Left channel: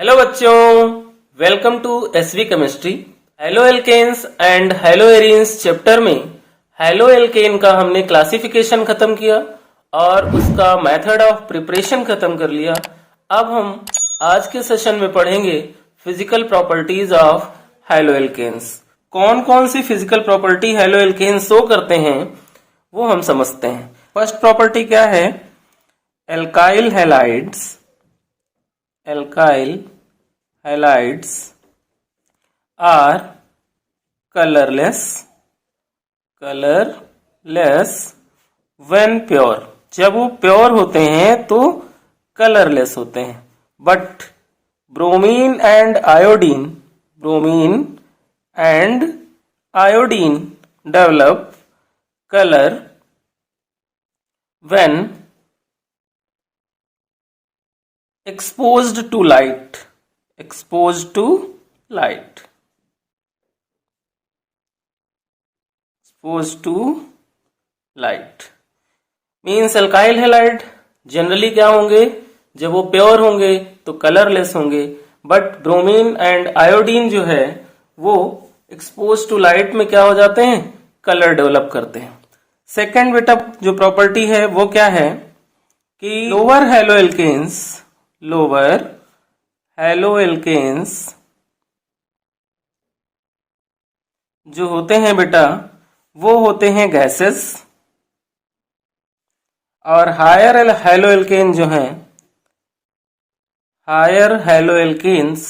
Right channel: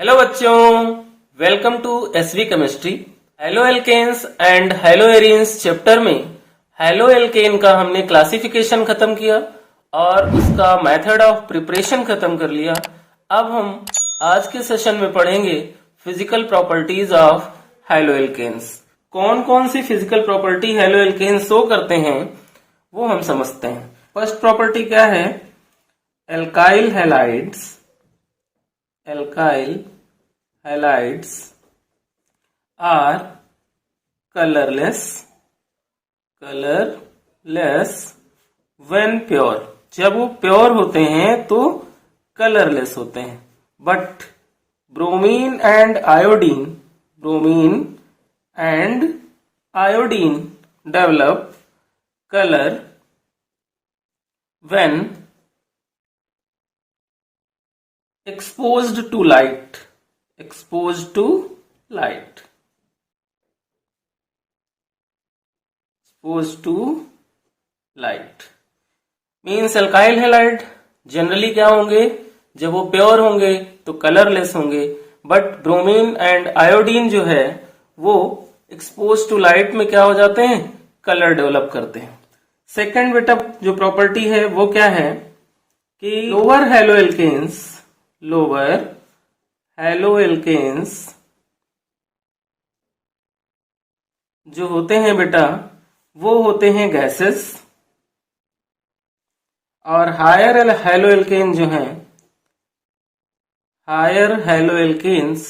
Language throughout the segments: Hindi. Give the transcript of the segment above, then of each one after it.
हेलो बच्चों, welcome to SV chemistry. Haloalkanes and haloarenes chapter में हेलो एल्केन का हमने क्लासिफिकेशन खत्म किया और उसका मेथड ऑफ प्रिपरेशन खत्म कर लिया। अब हम आज के सेशन में पढ़ेंगे physical properties of haloalkanes. कौन कौन सी physical property haloalkanes show करते हैं वो हम समझते हैं। फर्स्ट प्रॉपर्टी क्या है? Alkyl halides are colorless when pure। जब वो प्योर होते हैं तो कलरलेस होते हैं। But bromine and iodine develop colour when exposed to light means alkyl halide generally क्या होंगे? जब वो प्योर होंगे तो कलरलेस होंगे। बट ब्रोमीन एंड आयोडीन जो है वो एक्सपोज टू लाइट में क्या हो जाते हैं? कलर डेवलप करते हैं। सेकेंड बेटा जो प्रॉपर्टी है वो क्या है कि लोअर हेलो एल्केन्स जो होते हैं बेटा वो होते हैं गैसेस, और हायर हेलो एल्केन जो हैं हायर हेलो एल्केन्स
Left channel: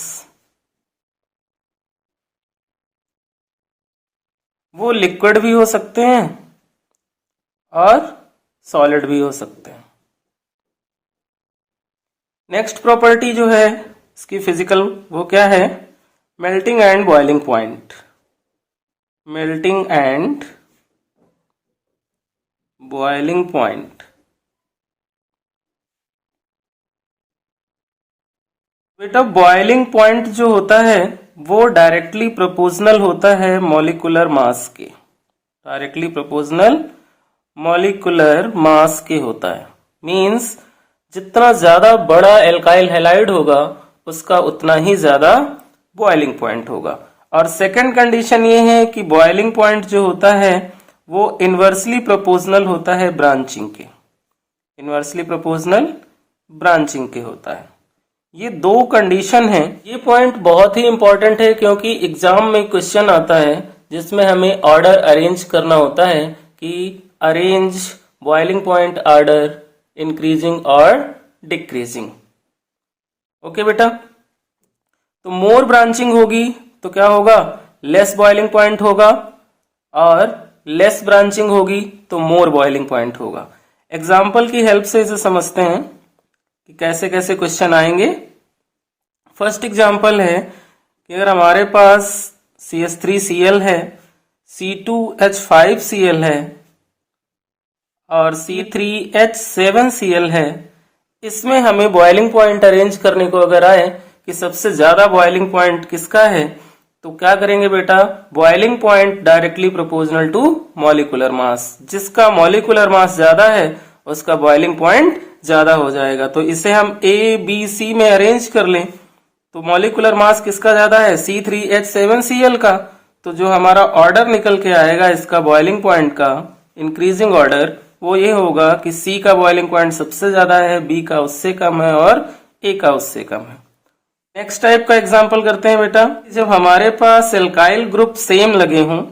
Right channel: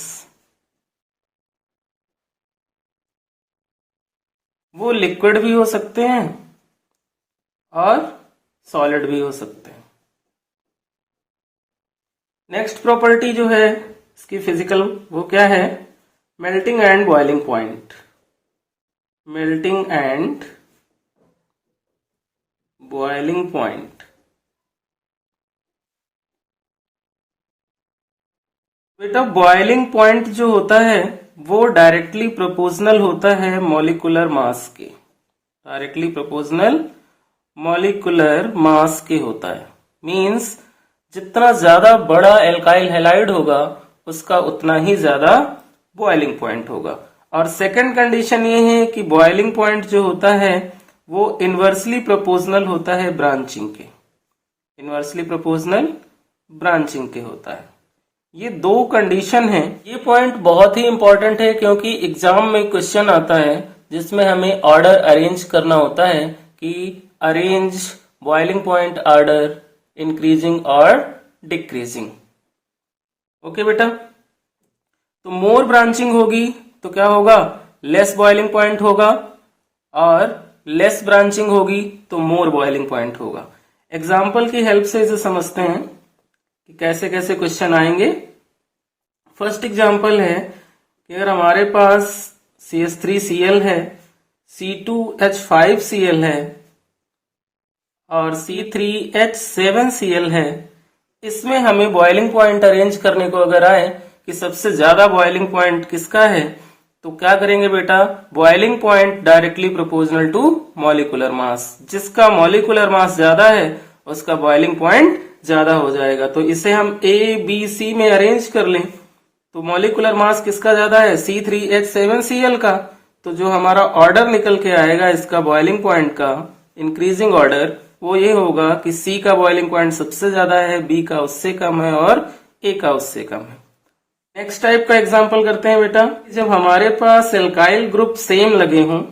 वो लिक्विड भी हो सकते हैं और सॉलिड भी हो सकते हैं। नेक्स्ट प्रॉपर्टी जो है इसकी फिजिकल वो क्या है? Melting and boiling point. बेटा बॉइलिंग पॉइंट जो होता है वो डायरेक्टली प्रोपोर्शनल होता है मॉलिक्यूलर मास के होता है। मींस जितना ज्यादा बड़ा एल्काइल हैलाइड होगा उसका उतना ही ज्यादा बॉइलिंग पॉइंट होगा। और सेकंड कंडीशन ये है कि बॉइलिंग पॉइंट जो होता है वो इनवर्सली प्रोपोर्शनल होता है ब्रांचिंग के होता है। ये दो कंडीशन है। ये पॉइंट बहुत ही इंपॉर्टेंट है क्योंकि एग्जाम में क्वेश्चन आता है जिसमें हमें ऑर्डर अरेंज करना होता है कि arrange boiling point order increasing और डिक्रीजिंग। ओके बेटा, तो मोर ब्रांचिंग होगी तो क्या होगा? लेस बॉइलिंग पॉइंट होगा, और लेस ब्रांचिंग होगी तो मोर बॉइलिंग पॉइंट होगा। एग्जाम्पल की हेल्प से इसे समझते हैं कि कैसे कैसे क्वेश्चन आएंगे। फर्स्ट एग्जाम्पल है कि अगर हमारे पास CH3Cl है, C2H5Cl है और C3H7Cl है, इसमें हमें बॉइलिंग पॉइंट अरेंज करने को अगर आए कि सबसे ज्यादा बॉइलिंग पॉइंट किसका है, तो क्या करेंगे बेटा? Boiling point directly proportional to molecular mass. जिसका मॉलिक्यूलर मास ज्यादा है उसका बॉइलिंग पॉइंट ज्यादा हो जाएगा। तो इसे हम ABC में अरेंज कर लें तो मॉलिक्यूलर मास किसका ज्यादा है? C3H7Cl का। तो जो हमारा ऑर्डर निकल के आएगा इसका बॉइलिंग पॉइंट का इंक्रीजिंग ऑर्डर वो ये होगा कि C का बॉइलिंग पॉइंट सबसे ज्यादा है, B का उससे कम है और A का उससे कम है। नेक्स्ट टाइप का एग्जांपल करते हैं बेटा। जब हमारे पास एल्काइल ग्रुप सेम लगे हों,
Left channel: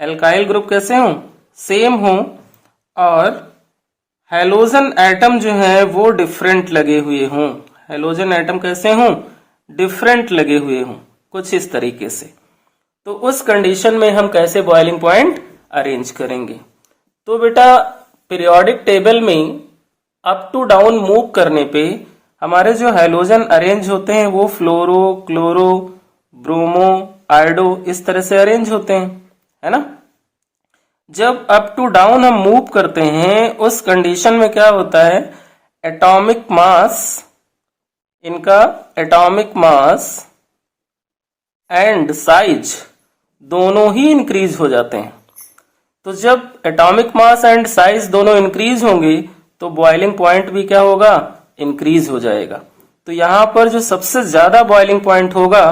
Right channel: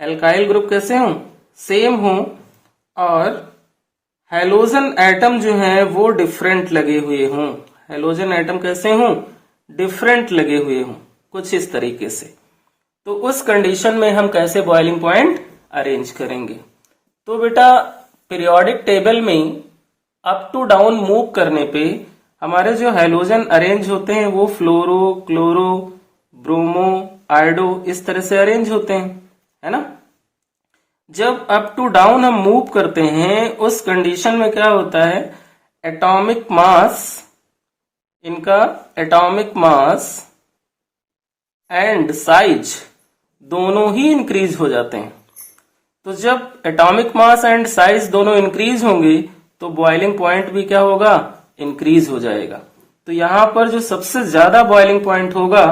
एल्काइल ग्रुप कैसे हों? सेम हों, और हैलोजन एटम जो है वो डिफरेंट लगे हुए हों। हैलोजन एटम कैसे हों? डिफरेंट लगे हुए हों, कुछ इस तरीके से। तो उस कंडीशन में हम कैसे बॉइलिंग पॉइंट अरेंज करेंगे? तो बेटा पीरियोडिक टेबल में अप टू डाउन मूव करने पे हमारे जो हैलोजन अरेंज होते हैं वो फ्लोरो, क्लोरो, ब्रोमो, आयोडो इस तरह से अरेंज होते हैं, है ना। जब अप टू डाउन हम मूव करते हैं उस कंडीशन में क्या होता है? एटॉमिक मास एंड साइज दोनों ही इंक्रीज हो जाते हैं। तो जब एटॉमिक मास एंड साइज दोनों इंक्रीज होंगे तो बॉइलिंग पॉइंट भी क्या होगा? इंक्रीज हो जाएगा। तो यहाँ पर जो सबसे ज्यादा बॉइलिंग पॉइंट होगा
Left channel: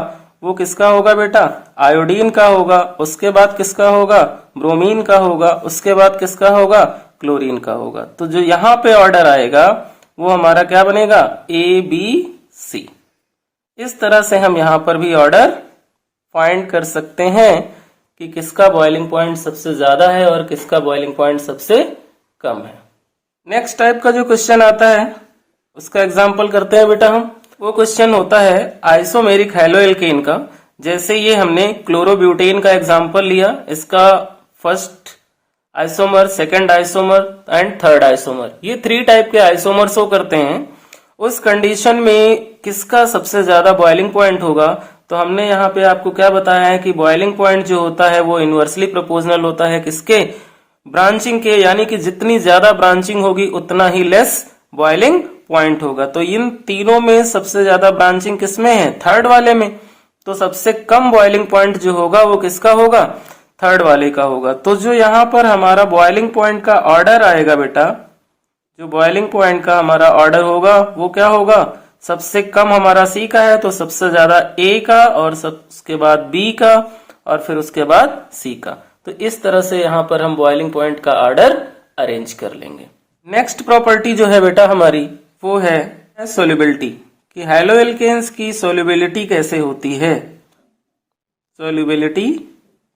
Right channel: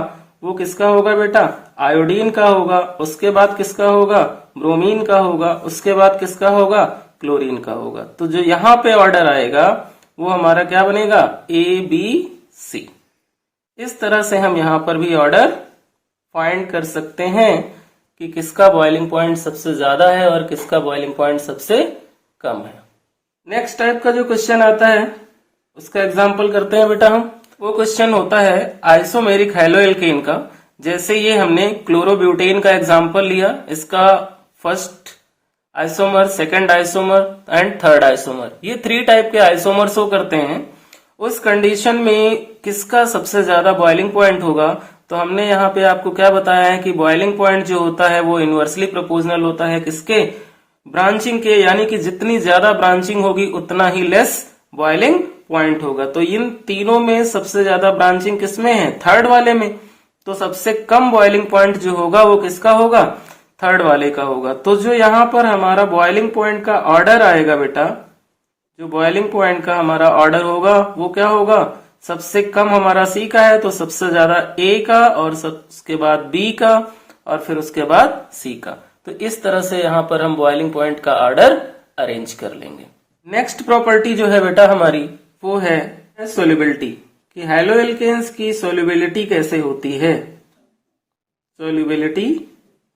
वो किसका होगा बेटा? आयोडीन का होगा। उसके बाद किसका होगा? ब्रोमीन का होगा। उसके बाद किसका होगा? क्लोरीन का होगा। तो जो यहाँ पे ऑर्डर आएगा वो हमारा क्या बनेगा? ABC। इस तरह से हम यहाँ पर भी ऑर्डर फाइंड कर सकते हैं कि किसका बॉइलिंग पॉइंट सबसे ज्यादा है और किसका बॉइलिंग पॉइंट सबसे कम है। नेक्स्ट टाइप का जो क्वेश्चन आता है उसका एग्जाम्पल करते हैं बेटा हम। वो क्वेश्चन होता है आइसोमेरिक हैलोएल्केन का। जैसे ये हमने क्लोरोब्यूटेन का एग्जाम्पल लिया, इसका first isomer, second isomer and third isomer, ये 3 टाइप के आइसोमर शो करते हैं। उस कंडीशन में किसका सबसे ज्यादा बॉइलिंग पॉइंट होगा? तो हमने यहाँ पे आपको क्या बताया है कि बॉइलिंग पॉइंट जो होता है वो इनवर्सली प्रोपोर्शनल होता है किसके? ब्रांचिंग के, यानी कि जितनी ज्यादा ब्रांचिंग होगी उतना ही लेस बॉइलिंग पॉइंट होगा। तो इन तीनों में सबसे ज्यादा ब्रांचिंग किसमें है? थर्ड वाले में। तो सबसे कम बॉइलिंग पॉइंट जो होगा वो किसका होगा? थर्ड वाले का होगा। तो जो यहाँ पर हमारा बॉइलिंग पॉइंट का ऑर्डर आएगा बेटा, जो बॉइलिंग पॉइंट का हमारा ऑर्डर होगा वो क्या होगा? सबसे कम हमारा C का है तो सबसे ज्यादा A का, और उसके बाद B का, और फिर उसके बाद C का। तो इस तरह से यहाँ पर हम बॉइलिंग पॉइंट का ऑर्डर अरेंज कर लेंगे। नेक्स्ट प्रॉपर्टी जो है बेटा हमारी वो है सोल्युबिलिटी, कि हैलोएल्केन्स की सोल्युबिलिटी कैसे होती है। सोल्युबिलिटी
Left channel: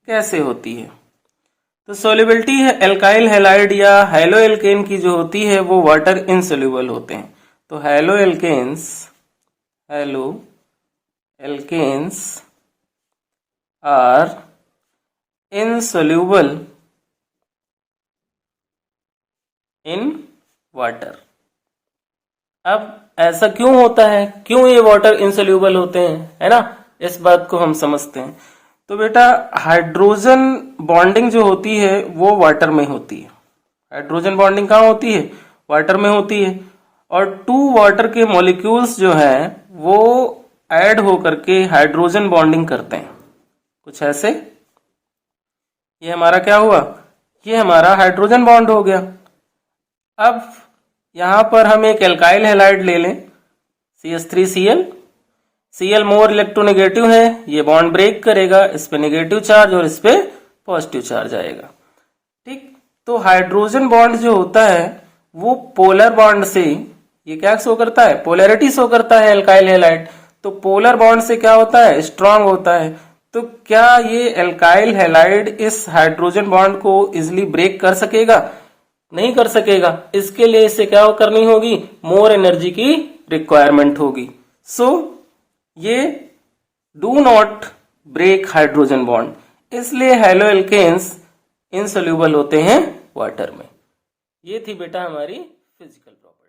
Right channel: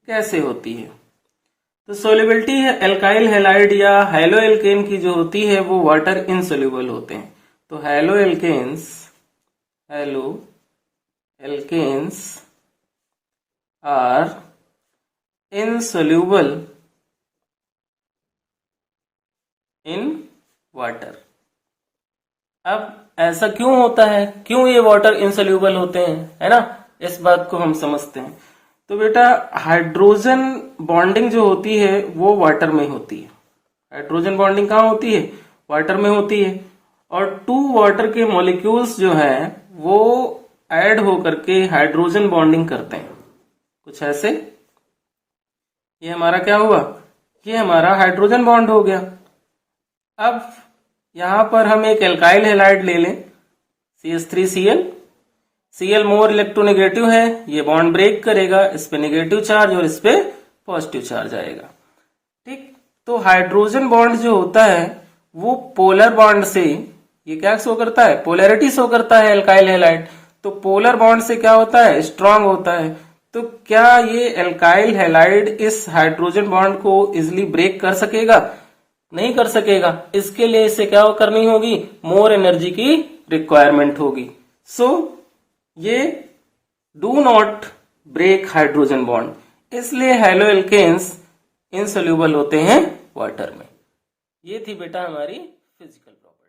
कैसे होती है? तो सोल्युबिलिटी है एल्काइल हैलाइड या हैलोएल्केन की जो होती है वो वाटर इनसोल्यूबल होते हैं। तो हैलोएल्केन्स आर इनसोल्यूबल इन वाटर। अब ऐसा क्यों होता है, क्यों ये वाटर इनसोल्यूबल होते हैं, है ना? इस बात को हम समझते हैं। तो बेटा हाइड्रोजन बॉन्डिंग जो होती है वो वाटर में होती है। हाइड्रोजन बॉन्डिंग कहाँ होती है? वाटर में होती है। और 2 वाटर के मॉलिक्यूल्स जो है वो ऐड होकर के हाइड्रोजन बॉन्डिंग करते हैं कुछ ऐसे। ये हमारा क्या हुआ? ये हमारा हाइड्रोजन बॉन्ड हो गया। अब यहां पर हम एक एल्काइल हैलाइड ले लें, CH3Cl। Cl मोर इलेक्ट्रोनेगेटिव है, ये बॉन्ड ब्रेक करेगा, इस पे नेगेटिव चार्ज और इस पे पॉजिटिव चार्ज आएगा। ठीक, तो हाइड्रोजन बॉन्ड जो होता है वो पोलर बॉन्ड से, ये क्या शो करता है? पोलैरिटी शो करता है एल्काइल हैलाइड। तो पोलर बॉन्ड से क्या होता है? स्ट्रांग होता है। तो क्या ये एल्काइल हैलाइड इस हाइड्रोजन बॉन्ड को इजिली ब्रेक कर सकेगा? नहीं कर सकेगा। इसके लिए इसे क्या करनी होगी? मोर एनर्जी की रिक्वायरमेंट होगी। सो ये do not break hydrogen bond, इसलिए हैलोएल्केन्स इनसोल्यूबल होते हैं वाटर में। ये थी बेटा हमारी फिजिकल प्रॉपर्टी।